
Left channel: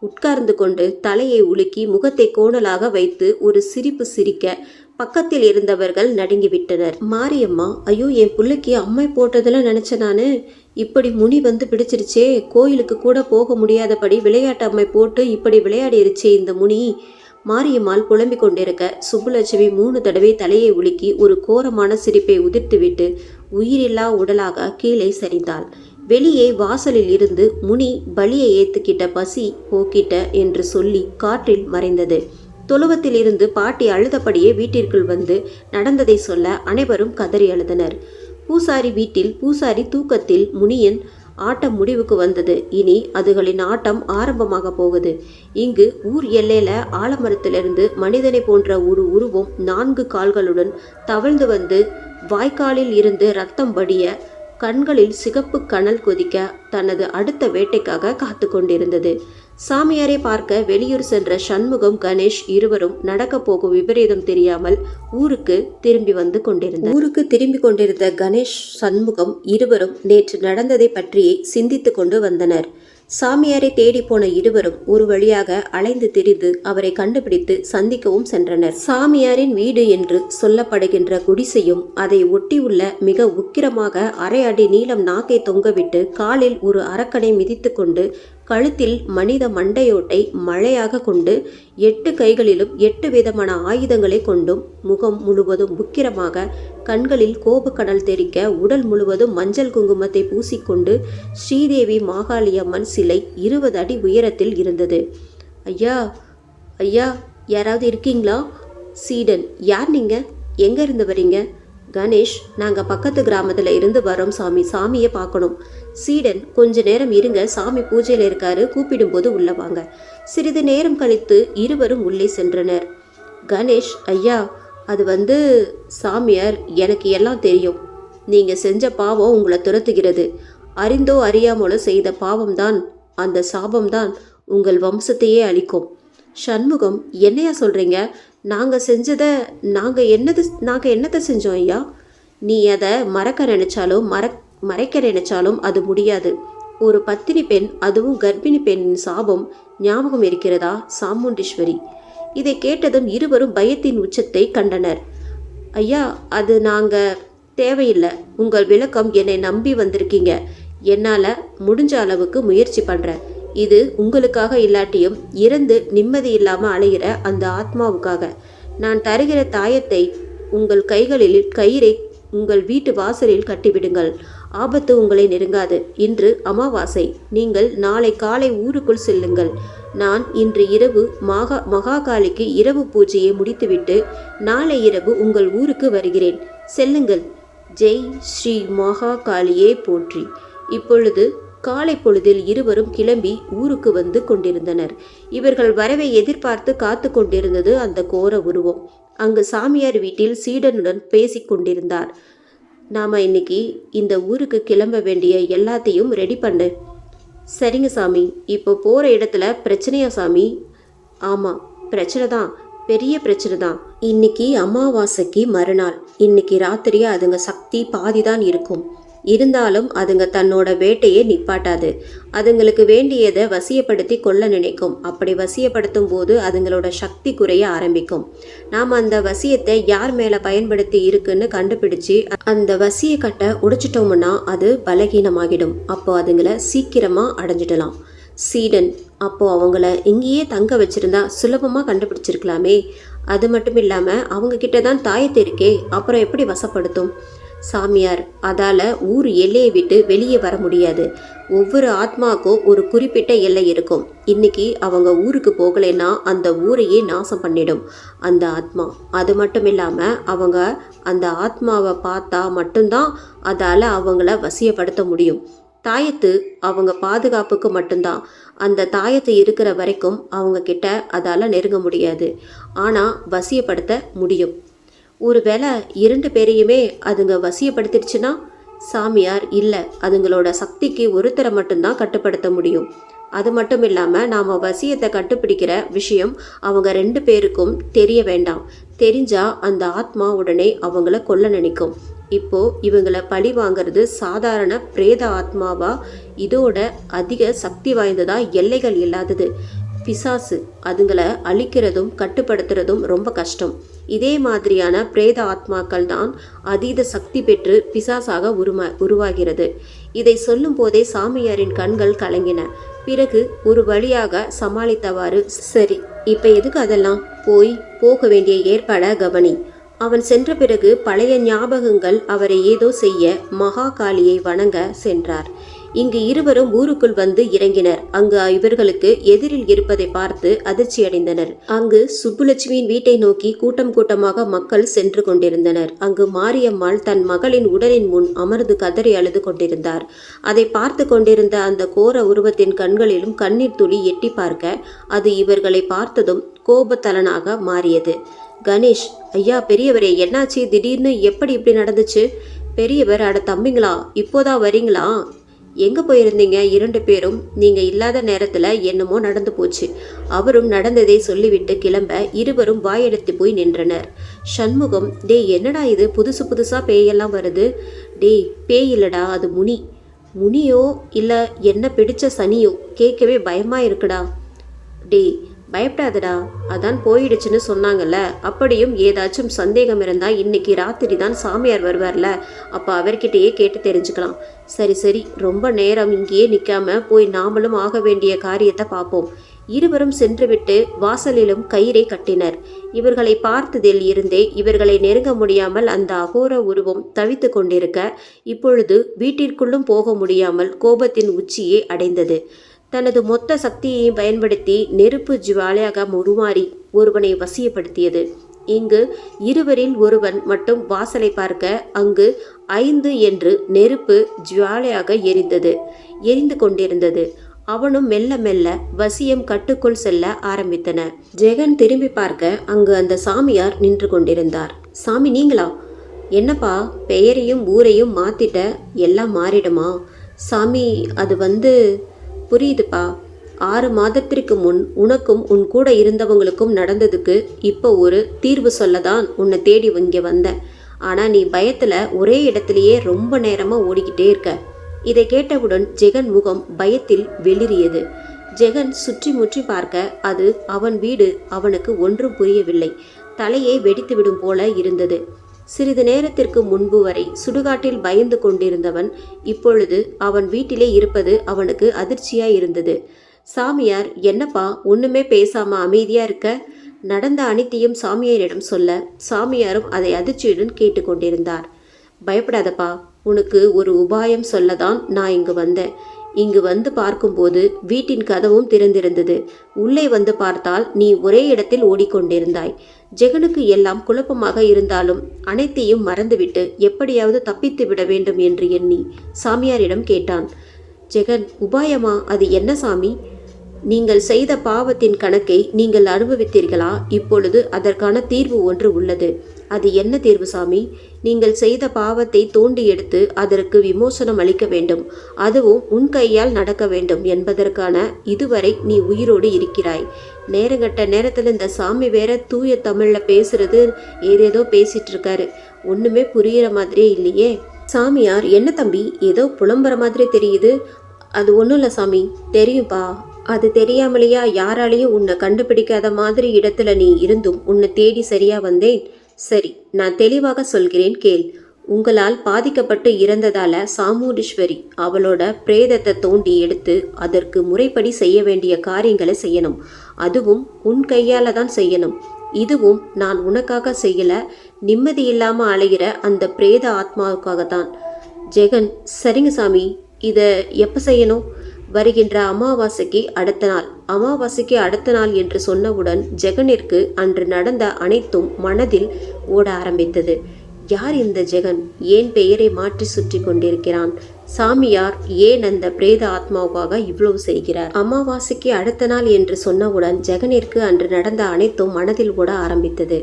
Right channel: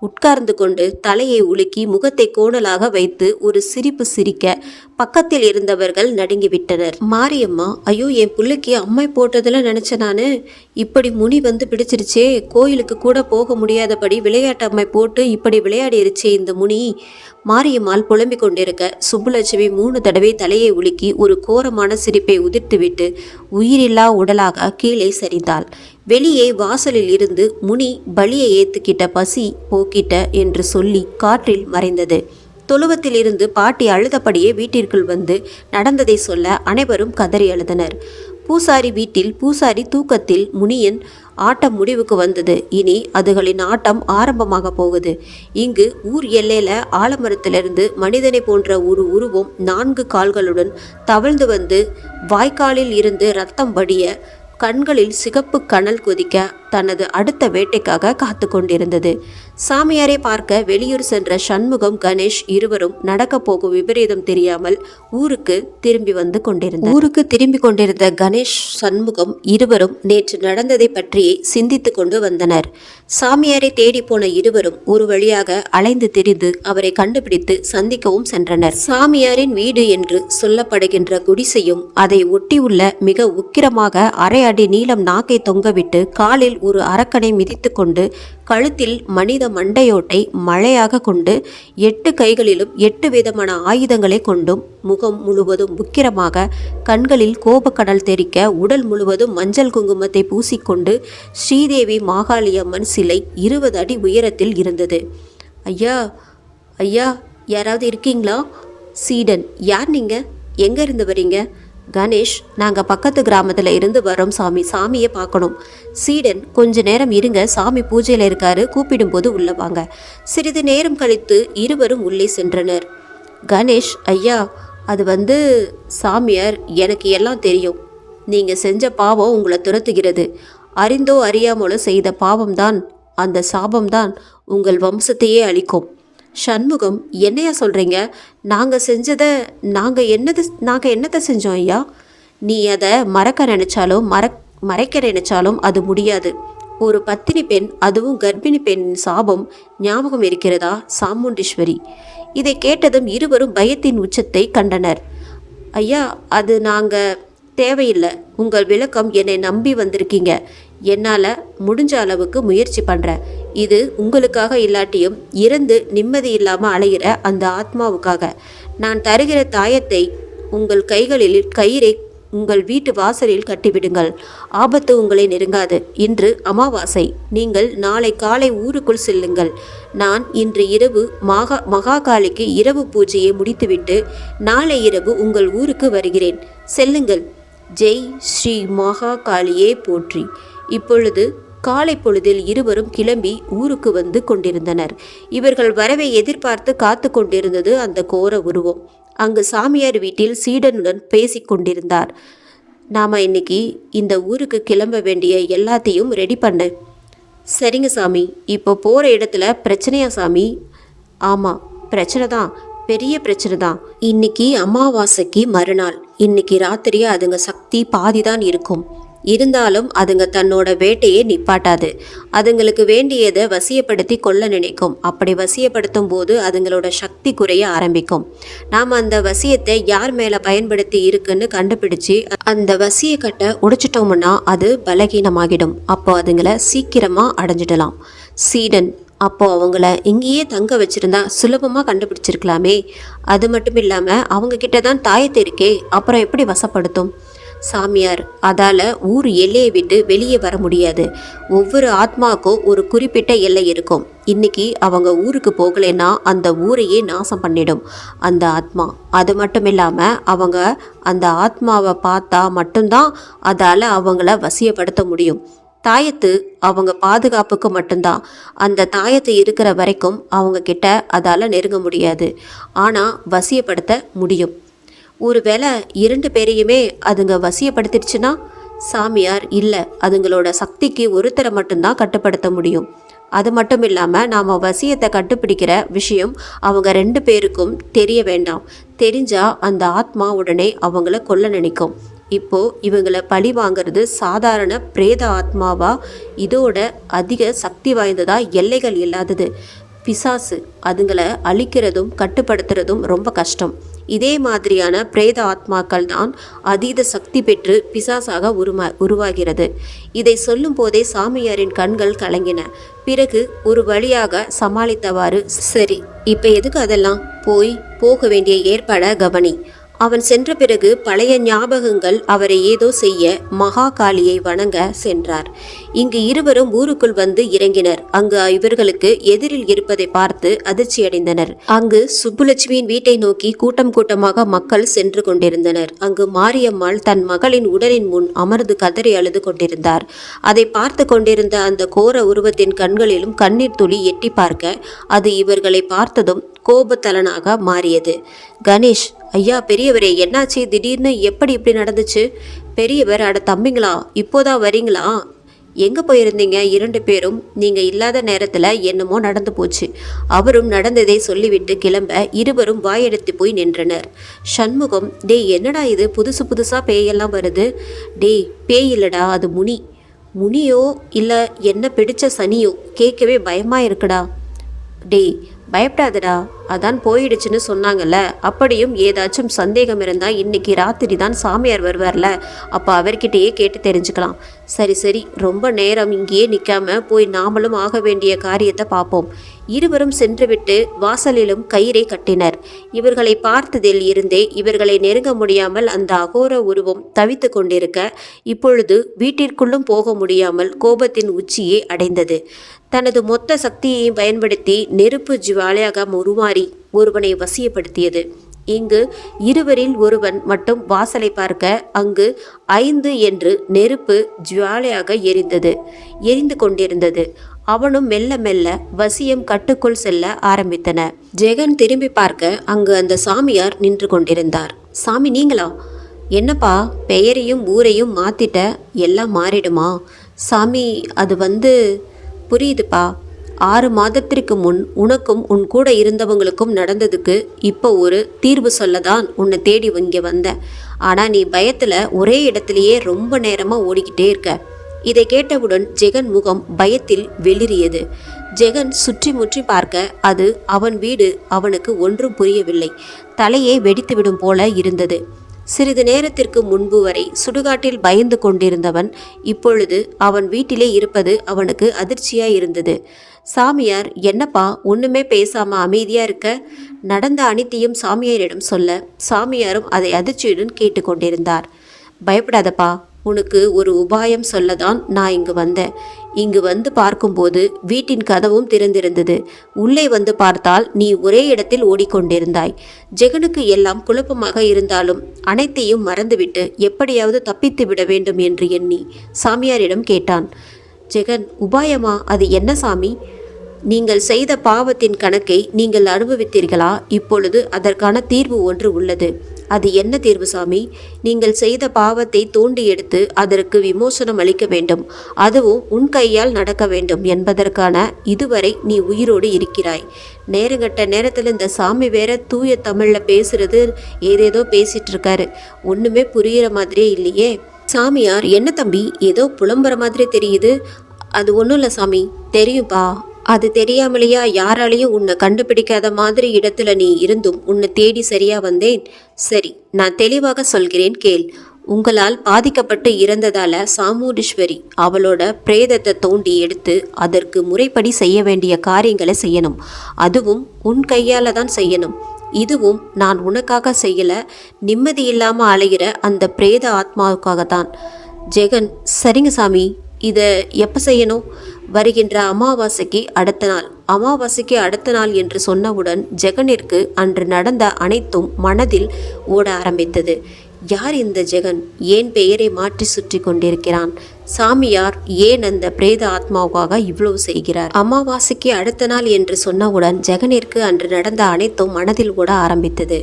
உட்கார்ந்து கொண்டு தலையை உலுக்கி முகத்தை கோணலாக வைத்து ஒரு சிரிப்பு சிரிக்க பக்கத்தில் இருந்தவர்கள் நடுங்கிவிட்டனர். மாரியம்மா, ஐயோ, என் பிள்ளைக்கு அம்மை போட்டதில் நினச்ச நானு, இப்படி முனி வந்து பிடிச்சிருச்சே. கோயிலுக்கு கூட போக முடியாதபடி விளையாட்டு அம்மை போட்டு இப்படி விளையாடிருச்சே இந்த முனி. மாரியம்மாள் புலம்பிக் கொண்டிருக்க சுப்புலட்சுமி 3 தடவை தலையை உலுக்கி ஒரு கோரமான சிரிப்பை உதிர்த்துவிட்டு உயிரில்லா உடலாக கீழே சரிந்தாள். வெளியே வாசலில் இருந்து முனி பலியை ஏத்துக்கிட்ட பசி போக்கிட்ட என்று சொல்லி காற்றில் மறைந்தது. தொழுவத்தில் இருந்து பாட்டி அழுதபடியே வீட்டிற்குள் வந்து நடந்ததை சொல்ல அனைவரும் கதறி அழுதனர். பூசாரி வீட்டில் பூசாரி தூக்கத்தில் முனியின் ஆட்டம் முடிவுக்கு வந்தது. இனி அதுகளின் ஆட்டம் ஆரம்பமாக போகுது. இங்கு ஊர் எல்லையில ஆலமரத்திலிருந்து மனிதனை போன்ற ஒரு உருவம் 4 கால்களுடன் தவழ்ந்து வந்து வாய்க்காலில் இருந்து ரத்தம் வடிய, கண்களில் சிகப்பு கனல் கொதிக்க தனது அடுத்த வேட்டைக்காக காத்து கொண்டிருந்தது. சாமியாரை பார்க்க வெளியூர் சென்ற சண்முகம், கணேஷ் இருவரும் நடக்க போகும் விபரீதம் தெரியாமல் ஊருக்கு திரும்பி கொண்டிருந்த கணேஷ், சண்முகம் இருவரும் நேற்று நடந்ததை பற்றி சிந்தித்து கொண்டு வந்தனர். சாமியாரை தேடி போன இருவரும் ஒரு வழியாக அலைந்து திரிந்து அவரை கண்டுபிடித்து சந்திக்கவும் சென்றனர். சாமியாரின் வீடு என்று சொல்லப்படுகின்ற குடிசையும் அதை ஒட்டியுள்ள மிக உக்கிரமாக அரை அடி நீளம் நாக்கை தொங்கவிட்டு காலில் ஒரு அரக்கனை மிதித்து கொண்டு கழுத்தில் மனித மண்டையோட்டை மழையாக கொண்டு 8 கைகளிலும் 8 விதமான ஆயுதங்களை கொண்டும் முகம் முழுவதும் உக்கிரமாக கண்களில் கோபக்கடல் தெறிக்க உடல் முழுவதும் மஞ்சள் குங்குமத்தை பூசிக்கொண்டு ஸ்ரீதேவி மாகாளியம்மன் சிலை 20 அடி உயரத்தில் இருந்தது. ஐயா, ஐயா, யாராவது இருக்கீங்களா? சீடன், யார் நீங்கள்? எங்கே இருந்து வரீங்க? கணேஷ், நாங்கள் பக்கத்து கிராமத்தில் இருந்து வரோம் சாமி, சாமியை பார்க்கணும். சீடன், கொஞ்ச நேரம் இருங்க, சாமி பூஜையில் இருக்காரு, கூப்பிடும்போது உள்ளே வாங்க. சிறிது நேரம் கழித்து இருவரும் உள்ளே சென்றனர். கணேஷ், ஐயா, அது சாமியார், எனக்கு எல்லாம் தெரியும். நீங்கள் செஞ்ச பாவம் உங்களை துரத்துகிறது. அறிந்தோ அறியாமலோ செய்த பாவம்தான், அந்த சாபம்தான் உங்கள் வம்சத்தையே அழிக்கும். சண்முகம், என்னையா சொல்கிறீங்க? நாங்கள் என்னத்தை செஞ்சோம் ஐயா? நீ அதை மறைக்க நினைச்சாலும் அது முடியாது. ஒரு பத்தினி பெண், அதுவும் கர்ப்பிணி பெண்ணின் சாபம் ஞாபகம் இருக்கிறதா சாமுண்டீஸ்வரி? இதை கேட்டதும் இருவரும் பயத்தின் உச்சத்தை கண்டனர். ஐயா, அது தேவையில்லை, உங்கள் விளக்கம் என்னை நம்பி வந்திருக்கீங்க. என்னால் முடிஞ்ச அளவுக்கு முயற்சி பண்ணுறேன். இது உங்களுக்காக இல்லாட்டியும் இறந்து நிம்மதி இல்லாமல் அலைகிற அந்த ஆத்மாவுக்காக. நான் தருகிற தாயத்தை உங்கள் கைகளில் கயிறை உங்கள் வீட்டு வாசலில் கட்டிவிடுங்கள். ஆபத்து உங்களை நெருங்காது. இன்று அமாவாசை. நீங்கள் நாளை காலை ஊருக்குள் செல்லுங்கள். நான் இன்று இரவு மகாகாளிக்கு இரவு பூஜையை முடித்துவிட்டு நாளை இரவு உங்கள் ஊருக்கு வருகிறேன். செல்லுங்கள். ஜெய் ஸ்ரீ மகாகாளியே போற்றி. இப்பொழுது காலை பொழுதில் இருவரும் கிளம்பி ஊருக்கு வந்து கொண்டிருந்தனர். இவர்கள் வரவை எதிர்பார்த்து காத்து கொண்டிருந்தது அந்த கோர உருவம். அங்கு சாமியார் வீட்டில் சீடனுடன் பேசி கொண்டிருந்தார். நாம் இன்னைக்கு இந்த ஊருக்கு கிளம்ப வேண்டிய எல்லாத்தையும் ரெடி பண்ணு. சரிங்க சாமி. இப்போ போகிற இடத்துல பிரச்சனையா சாமி? ஆமாம், பிரச்சனை தான், பெரிய பிரச்சனை தான். இன்னைக்கு அமாவாசைக்கு மறுநாள். இன்னைக்கு ராத்திரி அதுங்க சக்தி பாதி தான் இருக்கும். இருந்தாலும் அதுங்க தன்னோட வேட்டையை நிப்பாட்டாது. அதுங்களுக்கு வேண்டியதை வசியப்படுத்தி கொள்ள நினைக்கும். அப்படி வசியப்படுத்தும் போது அதுங்களோட சக்தி குறைய ஆரம்பிக்கும். நாம் அந்த வசியத்தை யார் மேலே பயன்படுத்தி இருக்குன்னு கண்டுபிடிச்சு அந்த வசிய கட்டை உடைச்சிட்டோம்னா அது பலகீனமாகிடும். அப்போ அதுங்களை சீக்கிரமாக அடைஞ்சிடலாம். சீடன்: அப்போ அவங்கள இங்கேயே தங்க வச்சிருந்தா சுலபமாக கண்டுபிடிச்சிருக்கலாமே. அது மட்டும் இல்லாமல் அவங்க கிட்ட தான் தாயத்து இருக்கே, அப்புறம் எப்படி வசப்படுத்தும்? சாமியார்: அதால் ஊர் எல்லையை விட்டு வெளியே வர முடியாது. ஒவ்வொரு ஆத்மாவுக்கும் ஒரு குறிப்பிட்ட எல்லை இருக்கும். இன்னைக்கு அவங்க ஊருக்கு போகலைன்னா அந்த ஊரையே நாசம் பண்ணிடும் அந்த ஆத்மா. அது மட்டும் இல்லாமல் அவங்க அந்த ஆத்மாவை பார்த்தா மட்டும்தான் அதால் அவங்கள வசியப்படுத்த முடியும். தாயத்து அவங்க பாதுகாப்புக்கு மட்டும்தான். அந்த தாயத்து இருக்கிற வரைக்கும் அவங்க கிட்ட அதால் நெருங்க முடியாது. ஆனால் வசியப்படுத்த முடியும். ஒருவேளை 2 பேரையுமே அதுங்க வசியப்படுத்திடுச்சுன்னா? சாமியார்: இல்லை, அதுங்களோட சக்திக்கு ஒருத்தரை மட்டும்தான் கட்டுப்படுத்த முடியும். அது மட்டும் இல்லாமல் நாம் வசியத்தை கண்டுபிடிக்கிற விஷயம் அவங்க 2 பேருக்கும் தெரிய வேண்டாம். தெரிஞ்சால் அந்த ஆத்மா உடனே அவங்கள கொல்ல நினைக்கும். இப்போது இவங்களை பழி வாங்கிறது சாதாரண பிரேத ஆத்மாவா, இதோட அதிக சக்தி வாய்ந்ததா, எல்லைகள் இல்லாதது பிசாசு. அதுங்களை அழிக்கிறதும் கட்டுப்படுத்துறதும் ரொம்ப கஷ்டம். இதே மாதிரியான பிரேத ஆத்மாக்கள் தான் அதீத சக்தி பெற்று பிசாசாக உருவாகிறது. இதை சொல்லும் போதே சாமியாரின் கண்கள் கலங்கின. பிறகு ஒரு வழியாக சமாளித்தவாறு: சரி, இப்போ எதுக்கு அதெல்லாம்? போக வேண்டிய ஏற்பாடை கவனி. அவன் சென்ற பிறகு பழைய ஞாபகங்கள் அவரை ஏதோ செய்ய மகாகாளியை வணங்க சென்றார். இங்கு இருவரும் ஊருக்குள் வந்து இறங்கினர். அங்கு இவர்களுக்கு எதிரில் இருப்பதை பார்த்து அதிர்ச்சியடைந்தனர். அங்கு சுப்புலட்சுமியின் வீட்டை நோக்கி கூட்டம் கூட்டமாக மக்கள் சென்று கொண்டிருந்தனர். அங்கு மாரியம்மாள் தன் மகளின் உடலின் முன் அமர்ந்து கதறி அழுது கொண்டிருந்தார். அதை பார்த்து கொண்டிருந்த அந்த கோர உருவத்தின் கண்களிலும் கண்ணீர் துளி எட்டி பார்க்க அது இவர்களை பார்த்ததும் கோபத்தலனாக மாறியது. கணேஷ்: ஐயா, பெரியவரே, என்னாச்சு? திடீர்னு எப்படி இப்படி நடந்துச்சு? பெரியவர்: அட தம்பிங்களா, இப்போதான் வரீங்களா? எங்கே போயிருந்தீங்க 2 பேரும்? நீங்கள் இல்லாத நேரத்தில் என்னமோ நடந்து போச்சு. அவரும் நடந்ததை சொல்லிவிட்டு கிளம்ப இருவரும் வாயெடுத்து போய் நின்றனர். சண்முகம்: டேய், என்னடா இது, புதுசாக பேயெல்லாம் வருது? டேய், பேய் இல்லடா, அது முனியோ இல்லை என்ன பிடிச்ச சனியோ, கேட்கவே பயமாக இருக்குடா. டேய், பயப்படாதடா, அதான் போயிடுச்சுன்னு சொன்னாங்கல்ல. அப்படியும் ஏதாச்சும் சந்தேகம் இருந்தால் இன்னைக்கு ராத்திரி தான் சாமியார் வருவார்ல, அப்போ அவர்கிட்டயே கேட்டு தெரிஞ்சுக்கலாம். சரி, ரொம்ப நேரம் இங்கேயே நிற்காம போய் நாமளும் ஆக வேண்டிய காரியத்தை பார்ப்போம். இருவரும் சென்றுவிட்டு வாசலிலும் கயிறை கட்டினர். இவர்களை பார்த்ததில் இருந்தே இவர்களை நெருங்க முடியாமல் அந்த அகோர உருவம் தவித்து கொண்டிருக்க, இப்பொழுது வீட்டிற்குள்ளும் போக முடியாமல் கோபத்தின் உச்சியை அடைந்தது. தனது மொத்த சக்தியையும் பயன்படுத்தி நெருப்பு ஜுவாலையாக உருமாறி ஒருவனை வசியப்படுத்தியது. இங்கு இருவரில் ஒருவன் மட்டும் வாசலை பார்க்க அங்கு 5 என்று நெருப்பு ஜுவாலையாக எரிந்து கொண்டிருந்தது. அவனும் மெல்ல மெல்ல வசியம் கட்டுக்குள் செல்ல ஆரம்பித்தன. ஜெகன் திரும்பி பார்க்க அங்கு அந்த சாமியார் நின்று கொண்டிருந்தார். சாமி, நீங்களா? என்னப்பா, பெயரையும் ஊரையும் மாத்திட்ட, எல்லாம் மாறிடுமா? சாமி, அது புரியுதுப்பா. 6 மாதத்திற்கு முன் உனக்கும் உன் கூட இருந்தவங்களுக்கும் நடந்ததுக்கு இப்போ ஒரு தீர்வு சொல்லதான் உன்னை தேடி இங்கே வந்தேன். ஆனால் நீ பயத்தில் ஒரே இடத்துலையே ரொம்ப நேரமாக ஓடிக்கிட்டே இருக்க. இதை கேட்டவுடன் ஜெகன் முகம் பயத்தில் வெளிரியது. ஜெகன் சுற்றி முற்றி பார்க்க அது அவன் வீடு. அவனுக்கு ஒன்றும் புரியவில்லை. தலையை வெடித்துவிடும் போல இருந்தது. சிறிது நேரத்திற்கு முன்பு வரை சுடுகாட்டில் பயந்து கொண்டிருந்தவன் இப்பொழுது அவன் வீட்டிலே இருப்பது அவனுக்கு அதிர்ச்சியாய் இருந்தது. சாமியார், என்னப்பா ஒண்ணுமே பேசாம அமைதியா இருக்க? நடந்த அனைத்தையும் சாமியாரிடம் சொல்ல சாமியாரும் அதை அதிர்ச்சியுடன் கேட்டுக்கொண்டிருந்தார். பயப்படாதப்பா, உனக்கு ஒரு உபாயம் சொல்லதான் நான் இங்கு வந்தேன். இங்கு வந்து பார்க்கும்போது வீட்டின் கதவும் திறந்திருந்தது. உள்ளே வந்து பார்த்தால் நீ ஒரே இடத்தில் ஓடிக்கொண்டிருந்தாய். ஜெகனுக்கு எல்லாம் குழப்பமாக இருந்தாலும் அனைத்தையும் மறந்துவிட்டு எப்படியாவது தப்பித்து விட வேண்டும் என்று எண்ணி சாமியாரிடம் கேட்டான். ஜெகன், உபாயமா? அது என்ன சாமி? நீங்கள் செய்த பாவத்தின் கணக்கை நீங்கள் அனுபவித்தீர்களா? இப்பொழுது அதற்கான தீர்வு ஒன்று உள்ளது. அது என்ன தீர்வு சாமி? நீங்கள் செய்த பாவத்தை தோண்டி எடுத்து அதற்கு விமோசனம் அளிக்க வேண்டும். அதுவும் உன் கையால் நடக்க வேண்டும் என்பதற்கான இதுவரை நீ உயிரோடு இருக்கிறாய். நேரங்கட்ட நேரத்தில் இந்த சாமி வேற தூய தமிழ்ல பேசுறது ஏதேதோ பேசிட்டு இருக்காரு. ஒண்ணுமே புரியுற மாதிரியே இல்லையே. சாமியார், என்ன தம்பி ஏதோ புலம்புற மாதிரி தெரியுது? அது ஒன்றும் இல்லை சாமி. தெரியும்பா, அது தெரியாமலையா யாராலையும் உன்னை கண்டுபிடிக்காத மாதிரி இடத்துல நீ இருந்தும் உன்னை தேடி சரியா வந்தேன். சரி, நான் தெளிவாக சொல்கிறேன் கேள். உங்களால் பாதிக்கப்பட்டு இறந்ததால சாமுண்டீஸ்வரி அவளோட பிரேதத்தை தோண்டி எடுத்து அதற்கு முறைப்படி செய்ய வேண்டிய காரியங்களை செய்யணும். அதுவும் உன் கையால தான் செய்யணும். இதுவும் நான் உனக்காக செய்யல, நிம்மதி இல்லாம அலைகிற அந்த பிரேத ஆத்மாவுக்காகத்தான். ஜெகன், சரிங்க சாமி, இதை எப்போ செய்யணும்? வருகின்ற அமாவாசைக்கு அடுத்த நாள். அமாவாசைக்கு அடுத்த நாள் என்று சொன்னவுடன் ஜெகனிற்கு அன்று நடந்த அனைத்தும் மனதில் ஓட ஆரம்பித்தது. யார் இந்த ஜெகன்? ஏன் பெயரை மாற்றி சுற்றி கொண்டிருக்கிறான்? சாமியார் ஏன் அந்த பிரேத ஆத்மாவுக்காக இவ்வளவு செய்கிறார்? அமாவாசைக்கு அடுத்த நாள் என்று சொன்னவுடன் ஜெகனிற்கு அன்று நடந்த அனைத்தும் மனதில் ஓட ஆரம்பித்தது.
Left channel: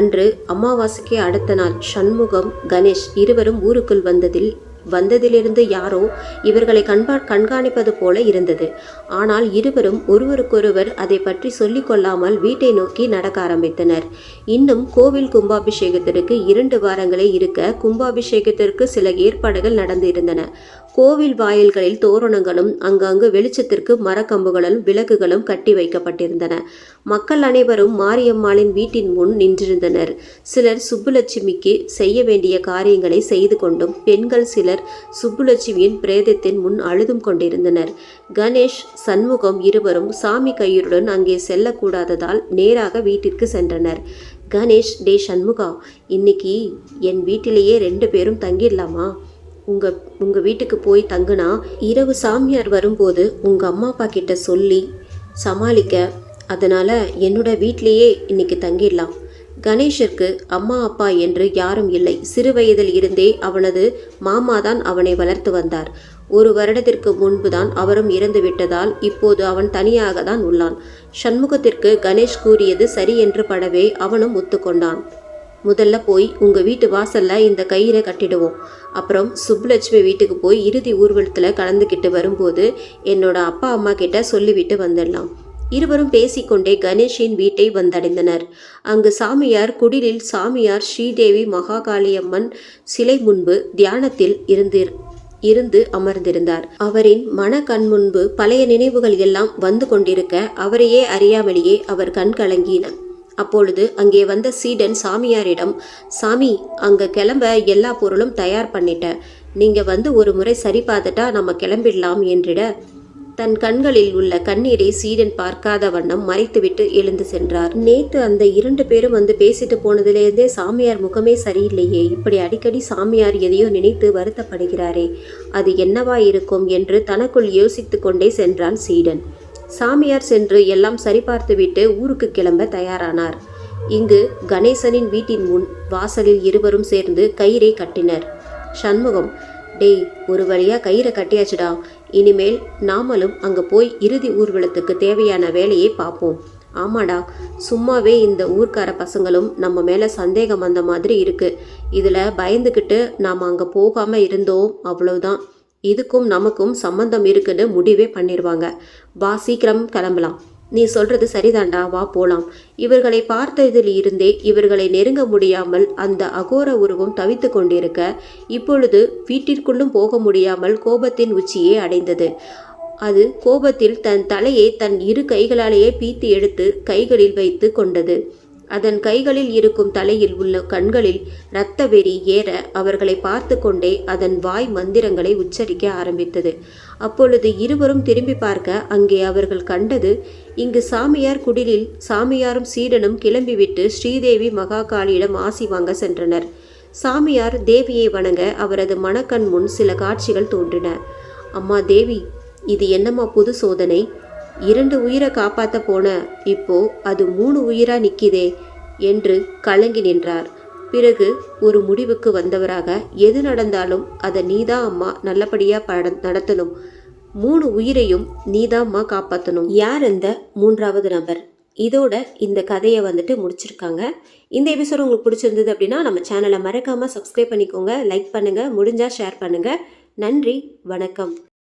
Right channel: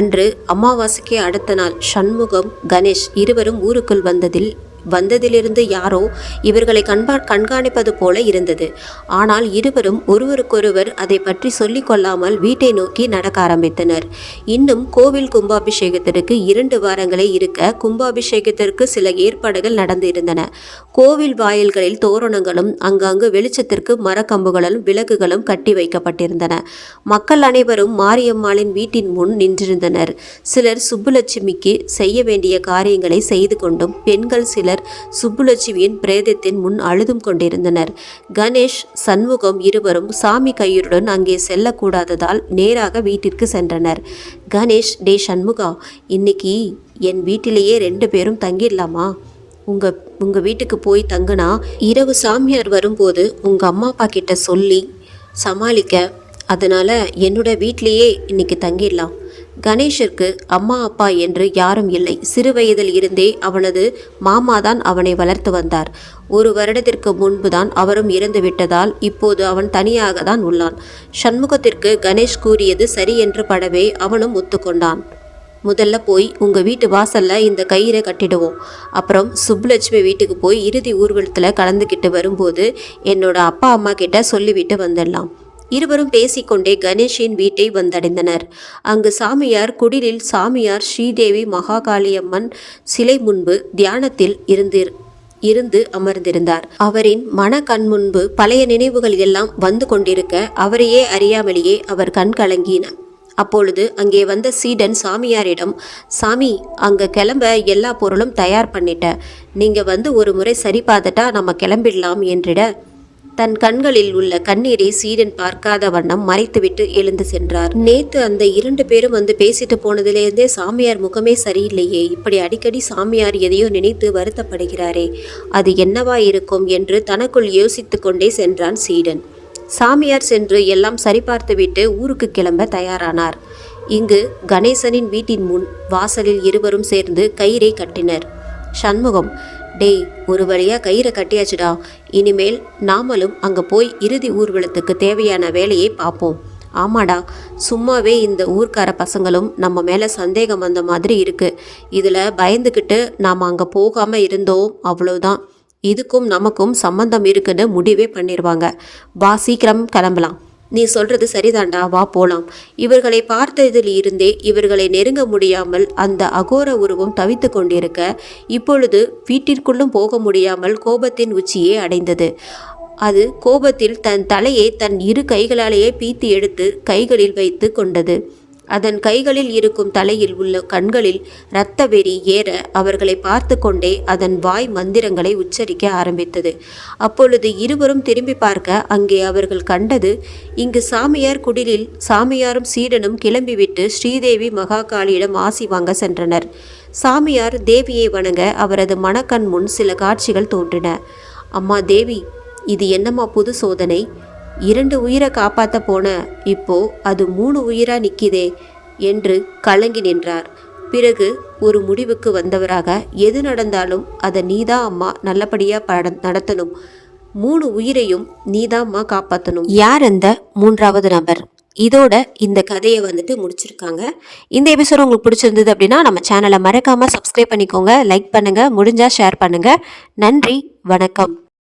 அன்று அமாவாசைக்கு அடுத்த நாள் சண்முகம், கணேஷ் இருவரும் ஊருக்குள் வந்ததிலிருந்து யாரோ இவர்களை கண்காணிப்பது போல இருந்தது. ஆனால் இருவரும் ஒருவருக்கொருவர் அதை பற்றி சொல்லிக் கொள்ளாமல் வீட்டை நோக்கி நடக்க ஆரம்பித்தனர். இன்னும் கோவில் கும்பாபிஷேகத்திற்கு 2 வாரங்களே இருக்க கும்பாபிஷேகத்திற்கு சில ஏற்பாடுகள் நடந்து இருந்தன. கோவில் வாயில்களில் தோரணங்களும் அங்கங்கு வெளிச்சத்திற்கு மரக்கம்புகளும் விளக்குகளும் கட்டி வைக்கப்பட்டிருந்தன. மக்கள் அனைவரும் மாரியம்மாளின் வீட்டின் முன் நின்றிருந்தனர். சிலர் சுப்புலட்சுமிக்கு செய்ய வேண்டிய காரியங்களை செய்து கொண்டும் பெண்கள் சிலர் சுப்புலட்சுமியின் பிரேதத்தின் முன் அழுதும் கொண்டிருந்தனர். கணேஷ், சண்முகம் இருவரும் சாமி கயிறுடன் அங்கே செல்லக்கூடாததால் நேராக வீட்டிற்கு சென்றனர். கணேஷ், டே சண்முகா, இன்னைக்கு என் வீட்டிலேயே 2 பேரும் தங்கிடலாமா? உங்க வீட்டுக்கு போய் தங்குனா இரவு சாமியார் வரும்போது உங்க அம்மா அப்பா கிட்ட சொல்லி சமாளிக்க, அதனால என்னோட வீட்டிலேயே இன்னைக்கு தங்கிடலாம். கணேஷிற்கு அம்மா அப்பா என்று யாரும் இல்லை. சிறு வயதில் இருந்தே அவனது மாமாதான் அவனை வளர்த்து வந்தார். 1 வருடத்திற்கு முன்புதான் அவரும் இறந்து விட்டதால் இப்போது அவன் தனியாக தான் உள்ளான். சண்முகத்திற்கு கணேஷ் கூறியது சரி என்று படவே அவனும் ஒத்துக்கொண்டான். முதல்ல போய் உங்க வீட்டு வாசல்ல இந்த கயிறை கட்டிடுவோம். அப்புறம் சுப்புலட்சுமி வீட்டுக்கு போய் இறுதி ஊர்வலத்தில் கலந்துக்கிட்டு வரும்போது என்னோட அப்பா அம்மா கிட்ட சொல்லிவிட்டு வந்துடலாம். இருவரும் பேசிக்கொண்டே கணேஷின் வீட்டை வந்தடைந்தனர். அங்கு சாமியார் குடிலில் சாமியார் ஸ்ரீதேவி மகாகாளியம்மன் சிலை முன்பு தியானத்தில் இருந்து அமர்ந்திருந்தார். அவரின் மன கண் முன்பு பழைய நினைவுகள் எல்லாம் வந்து கொண்டிருக்க அவரையே அறியாமலேயே அவர் கண் கலங்கின. அப்பொழுது அங்கே வந்த சீடன் சாமியாரிடம், சாமி, அங்க கிளம்ப எல்லா பொருளும் தயார் பண்ணிட்டேன். நீங்க வந்து ஒரு முறை சரி பார்த்துட்டா நம்ம கிளம்பிடலாம் என்றிட தன் கண்களில் உள்ள கண்ணீரை சீடன் பார்க்காத வண்ணம் மறைத்துவிட்டு எழுந்து சென்றார். நேத்து அந்த 2 பேரும் வந்து பேசிட்டு போனதிலிருந்தே சாமியார் முகமே சரியில்லையே. இப்படி அடிக்கடி சாமியார் எதையோ நினைத்து வருத்தப்படுகிறாரே, அது என்னவா இருக்கும் என்று தனக்குள் யோசித்து கொண்டே சென்றான் சீடன். சாமியார் சென்று எல்லாம் சரிபார்த்துவிட்டு ஊருக்கு கிளம்ப தயாரானார். இங்கு கணேசனின் வீட்டின் முன் வாசலில் இருவரும் சேர்ந்து கயிறை கட்டினர். சண்முகம், டேய், ஒரு வழியா கயிறை கட்டியாச்சுடா. இனிமேல் நாமளும் அங்க போய் இறுதி ஊர்வலத்துக்கு தேவையான வேலையை பார்ப்போம். ஆமாடா, சும்மாவே இந்த ஊர்க்கார பசங்களும் நம்ம மேலே சந்தேகம் வந்த மாதிரி இருக்கு. இதில் பயந்துக்கிட்டு நாம் அங்கே போகாமல் இருந்தோம், அவ்வளவுதான். இதுக்கும் நமக்கும் சம்பந்தம் இருக்குன்னு முடிவே பண்ணிடுவாங்க. வா, சீக்கிரம் கிளம்பலாம். நீ சொல்றது சரிதாண்டா, வா போலாம். இவர்களை பார்த்ததில் இருந்தே இவர்களை நெருங்க முடியாமல் அந்த அகோர உருவம் தவித்து கொண்டிருக்க இப்பொழுது வீட்டிற்குள்ளும் போக முடியாமல் கோபத்தின் உச்சியே அடைந்தது. அது கோபத்தில் தன் தலையை தன் 2 கைகளாலேயே பீத்து எடுத்து கைகளில் வைத்து கொண்டது. அதன் கைகளில் இருக்கும் தலையில் உள்ள கண்களில் இரத்த வெறி ஏற அவர்களை பார்த்து கொண்டே அதன் வாய் மந்திரங்களை உச்சரிக்க ஆரம்பித்தது. அப்பொழுது இருவரும் திரும்பி பார்க்க அங்கே அவர்கள் கண்டது, இங்கு சாமியார் குடிலில் சாமியாரும் சீடனும் கிளம்பிவிட்டு ஸ்ரீதேவி மகாகாளியிடம் ஆசி வாங்க சென்றனர். சாமியார் தேவியை வணங்க அவரது மனக்கண் முன் சில காட்சிகள் தோன்றின. அம்மா தேவி, இது என்னம்மா புது சோதனை? 2 உயிரை காப்பாற்ற போன இப்போ அது 3 உயிரா நிற்கிதே என்று கலங்கி நின்றார். பிறகு ஒரு முடிவுக்கு வந்தவராக, எது நடந்தாலும் அதை நீதான் அம்மா நல்லபடியாக நடத்தணும். 3 உயிரையும் நீதாம்மா காப்பாற்றணும். யார் அந்த 3வது நபர்? இதோட இந்த கதையை முடிச்சிருக்காங்க. இந்த எபிசோட் உங்களுக்கு பிடிச்சிருந்தது அப்படின்னா நம்ம சேனலை மறக்காமல் சப்ஸ்கிரைப் பண்ணிக்கோங்க, லைக் பண்ணுங்கள், முடிஞ்சால் ஷேர் பண்ணுங்கள். நன்றி, வணக்கம்.